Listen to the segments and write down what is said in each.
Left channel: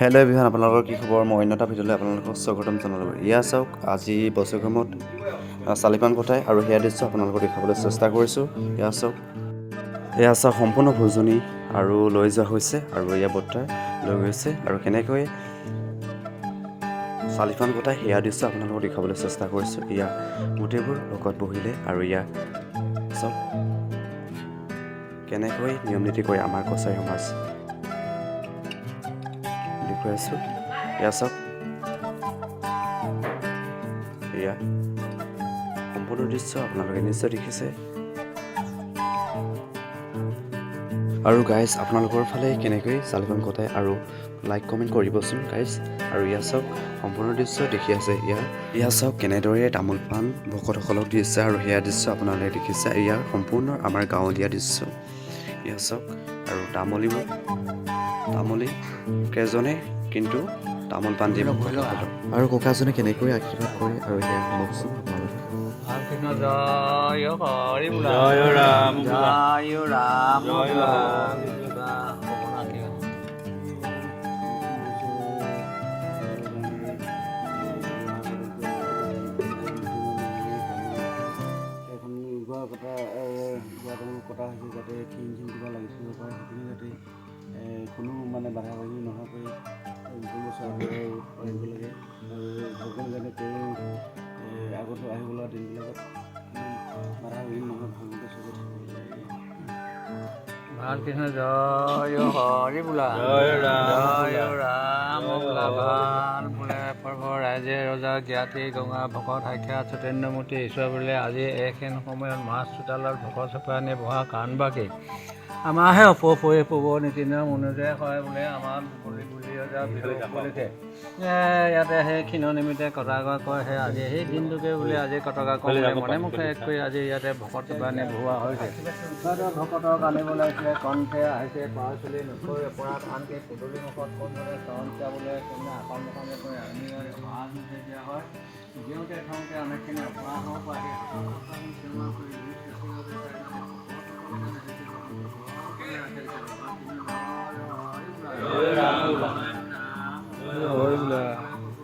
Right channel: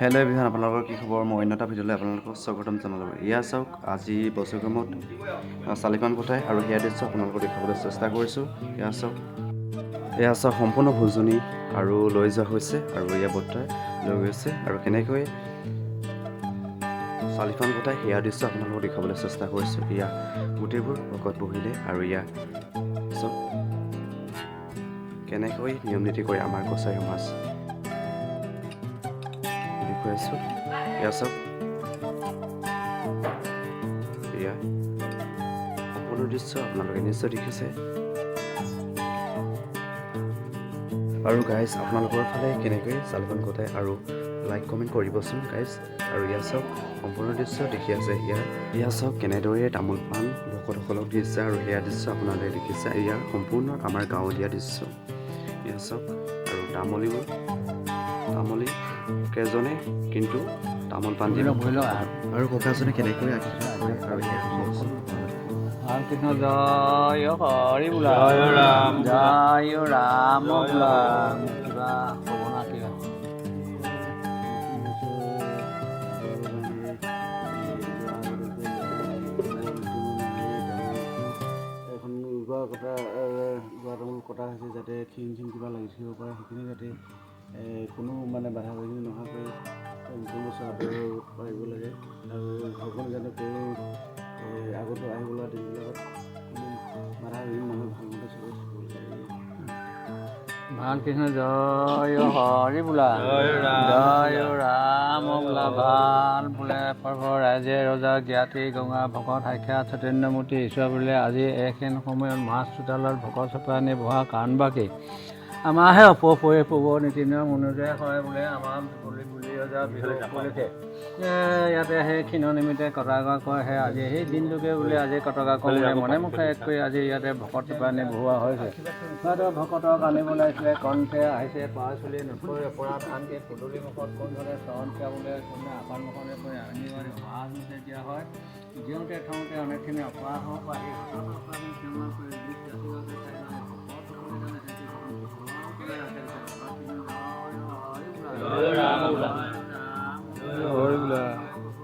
Hello' everyone, আপোনালোকৰ কি খবৰ? মই অন্য এটা ভিডিঅ'লৈ আপোনালোকক স্বাগতম জনালোঁ। এয়া চাওক, আজি বছৰগ্ৰামত চালিপান কটাই আৰু সেয়া দৃশ্য আপোনালোকক দেখাবলৈ চেষ্টা কৰিছোঁ। এয়া চাওক সম্পূৰ্ণ ভোজনী আৰু লৈ যোৱা হৈছে আৰু এয়া বৰ্তাই লৈ গৈছে আৰু কেনেকৈ চালিপান কটাই সেয়া দৃশ্য আপোনালোকক দেখাবলৈ চেষ্টা কৰিছোঁ। এয়া গোটেইবোৰ লগত বহিলে আৰু এয়া চাওক কেনেকৈ নিয়ম নীতি কৰে আমাৰ কছাৰী সমাজ দেখুৱাইছোঁ। এয়া চাওক, এয়া সম্পূৰ্ণ দৃশ্য আপোনালোকে নিশ্চয় দেখিছে। আৰু গাইজ, আপোনালোকৰ ফালে কেনেকৈ চালিপান কটাই আৰু লাইক কমেণ্ট কৰিবচোন গাইজ। আৰু এয়া চাওক সম্পূৰ্ণ দৃশ্য দেখি আছে। এয়া চাওক কেনেদৰে তামোল পাণ ভকতসকলক দিছে আৰু সেয়া দৃশ্য আপোনালোকে দেখিছে। এয়া সম্পূৰ্ণ আমাৰ গাঁৱলীয়া দৃশ্য। এয়া চাওক, আৰু তামুলী কেইজনে কিন্তু তামোল পাণ দিব ভকতসকলক, আৰু ককাজনে কেনেকৈ আশীৰ্বাদ কৰে আৰু সেয়া শুনকচোন আপোনালোকে। কৃষ্ণ জয় হৰি বোলা, জয় ৰাম জয় ৰাম বোলা, কিবা হ'ব না কিবা এখন তামোল কটা হৈছে যাতে খিং কিবা লাগি থাকিব পাৰে, সেইখিনি যাতে কোনো বাধা বাধি নোহোৱাকৈ পাৰিব লাগে। আৰু ভগৱান যাতে তেওঁ আগত আহিবলগা দিনবিলাকত কোনো বাধা বিঘিনি নহয়, ভালমতে চবে থাকিব লাগে। ভাল কৃষ্ণ জয় হৰি বোলা, জয় ৰাম বোলা, ভাল বোলে পৰ্ব ৰাইজে ৰজা জ্ঞাতি গঙা ভকত সাক্ষাৎ চৈতন্যমূৰ্তি ঈশ্বৰ বোলে। আজি এইখন সময়ত মাছ চোতালত ভকত চপানি বহা কাৰণবাকি আমাৰহে পূৰ্ব নীতি নিয়ম অনুযায়ী হয় বোলে। আমাৰ বুলি ৰজা বিহু উপলক্ষে ইয়াতে সেই ক্ষীণ নিমিত্তে কটাগা কৰে। সেই আজি সেই দিনটোকে বোলে আজি কটকা কৰোঁ মনে মুখে এক কৰি আজি ইয়াতে ভকত চপানি বহোৱা হৈছে। ভকতক আনিব লাগিছিলে, কণ্ঠে আহিছে পাৰ চলি নথৈ অপৰাধ আনকি পদূলি মুখত কোনজনে চৰণ বোলে, কোনে আসন মুখনে আনি সমাজ মতে দিয়া হয়। দিওঁতে থওঁতে অনেকখিনি অপৰাধ হ'ব পাৰে। সেই হাতত অপৰাধী ক্ষমা কৰি নিজ জাতিগতে চাৰিজনে ভকতসকলে জানে সেইটো গ্ৰহণ সকলোকে ৰাখে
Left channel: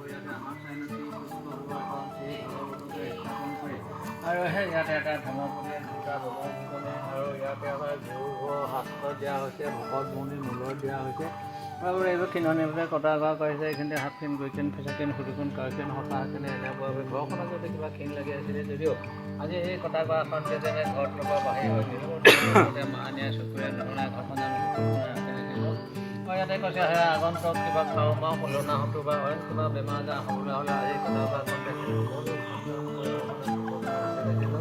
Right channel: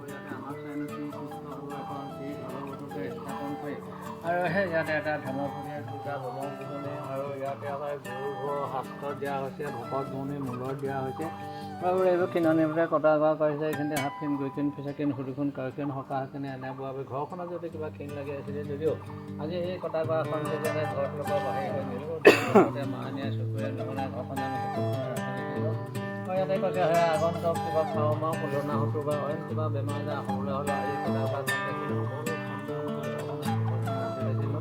ইয়াতে আমাক চাইনতি সুস্থ হ'ব কাৰণ সেই ভগৱতকে স্থাপন কৰি আৰু সেই ইয়াতে এটা ধৰ্মপতি দুটা ব্ৰহ্মভোজনী আৰু ইয়াতে হয় গুৰু ঘৰ শাস্ত্ৰ দিয়া হৈছে, ভকত ভনী মূলত দিয়া হৈছে আৰু এইবোৰ ক্ষীণনিমতে কটা কৰা কৰিছে। এইখিনিতে হাতখিনি গৈকিন ফেচাকিন সুধিখন কাৰকিন সকাহখিনি এনেকুৱা ঘৰখনত যদি কিবা ক্ষীণ লাগি আছিলে যদিও আজি এই কটা কৰাখনকে যেনে ঘৰত লগা বাহিৰ হৈ নিৰোধে মাহানীয়ে চকুৰে নহনাই ঘৰখন জানো সকলোখনে ৰাখি দিছিল। আৰু ইয়াতে কৈছে সেয়া আগন্তক কিবা খাওঁ মাওঁ সলনা হতো বা অইন কিবা বেমাৰ আজাৰ হ'বলৈ হ'লে আজি কটা কৰাখন দেখি সকলো সন্দেহ কৰিব কথা ৰাখি দিছিল।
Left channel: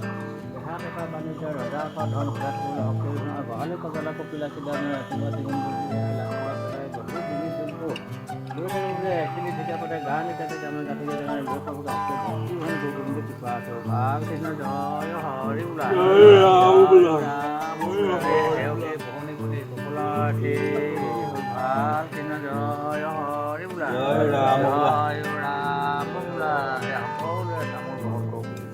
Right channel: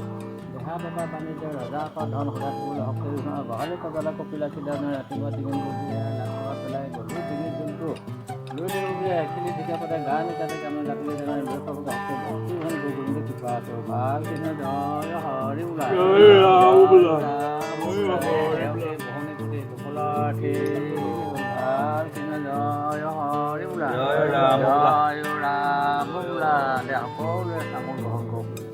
দেহা বেপাৰ বাণিজ্য ৰজা আকৌ ধন সদায় থাকিবলৈ শক্তি আৰু গহালি কজলা কপিলা খিদা ৰাতিপুৱা ডিঙিন বুলি লাখ টকা পেলাই গধূলি ডিঙিত যোনটো লৈ থাকিব বুলি এখিলি ঠিকা পাতে গা নিকাতে আমাৰ জাতিকে জেগানে লৈ পাবগে শক্তি ভক্তি ভন গোবিন্দ কৃপা আছো। ভাল কৃষ্ণ জয় হৰি বোলা, বহনি পুতি সকলাৰ্থী ভাল কৃষ্ণ জয় হৰি বোলা, জয় ৰাম বোলা। সকলোৱে তামোল গ্ৰহণ কৰোঁ।